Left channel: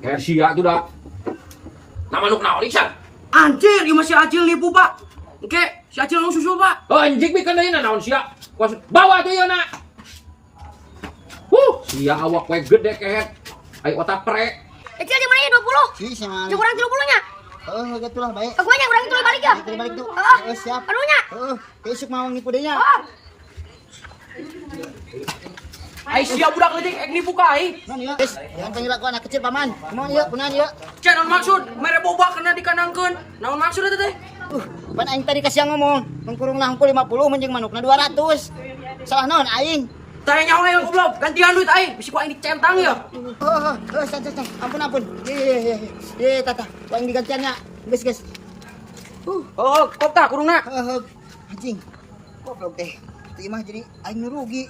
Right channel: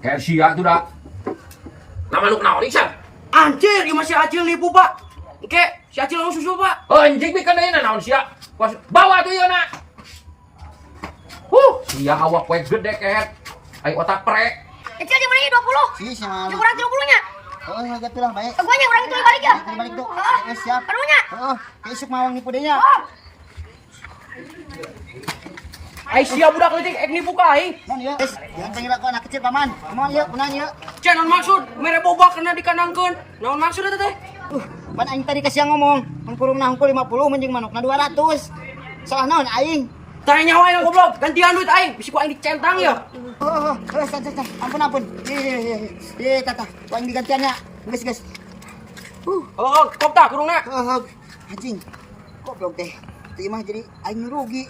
Kayak sia tuh dah. Nama nuk naon iksan? Anjir, ieu masih Acil nipu, Pak. Oke, si Acil mau susul, Pak. Anjing bikin deui naon sia. Bawa tuh yeuna. Sia awak we gede kehet. Ai otak prek. Kecil di mana 20? Si sama. Kurang 30-nya. Gatulah baik. Gue nya kurang itu balik ya. Balik tuh. Siap. Anunya. Besok mawang nipu deui nya. Ai sia budak leutik ek nipu ka ai. Non ieu. Jangan panggil aku anak kecil paman. Kumaha ieu? Kunaon ieu? Can naon maksud? Mere boba kena dikandangkeun. Naon maksud eta teh? Pan aing tadi kasih ngomong, mun kurung nahungkul 50 menjing manukna 200. Salah naon aing? Tanya nyawa yang goblok, gantian duit aing. Bisi ku aing dicentang ya. Ampun. Ye, tata. Ku aing digantiannya. Guys. Oh, kop tah kurungna. Anjing. Goblok teh. Itu mah jadi aing nu rugi.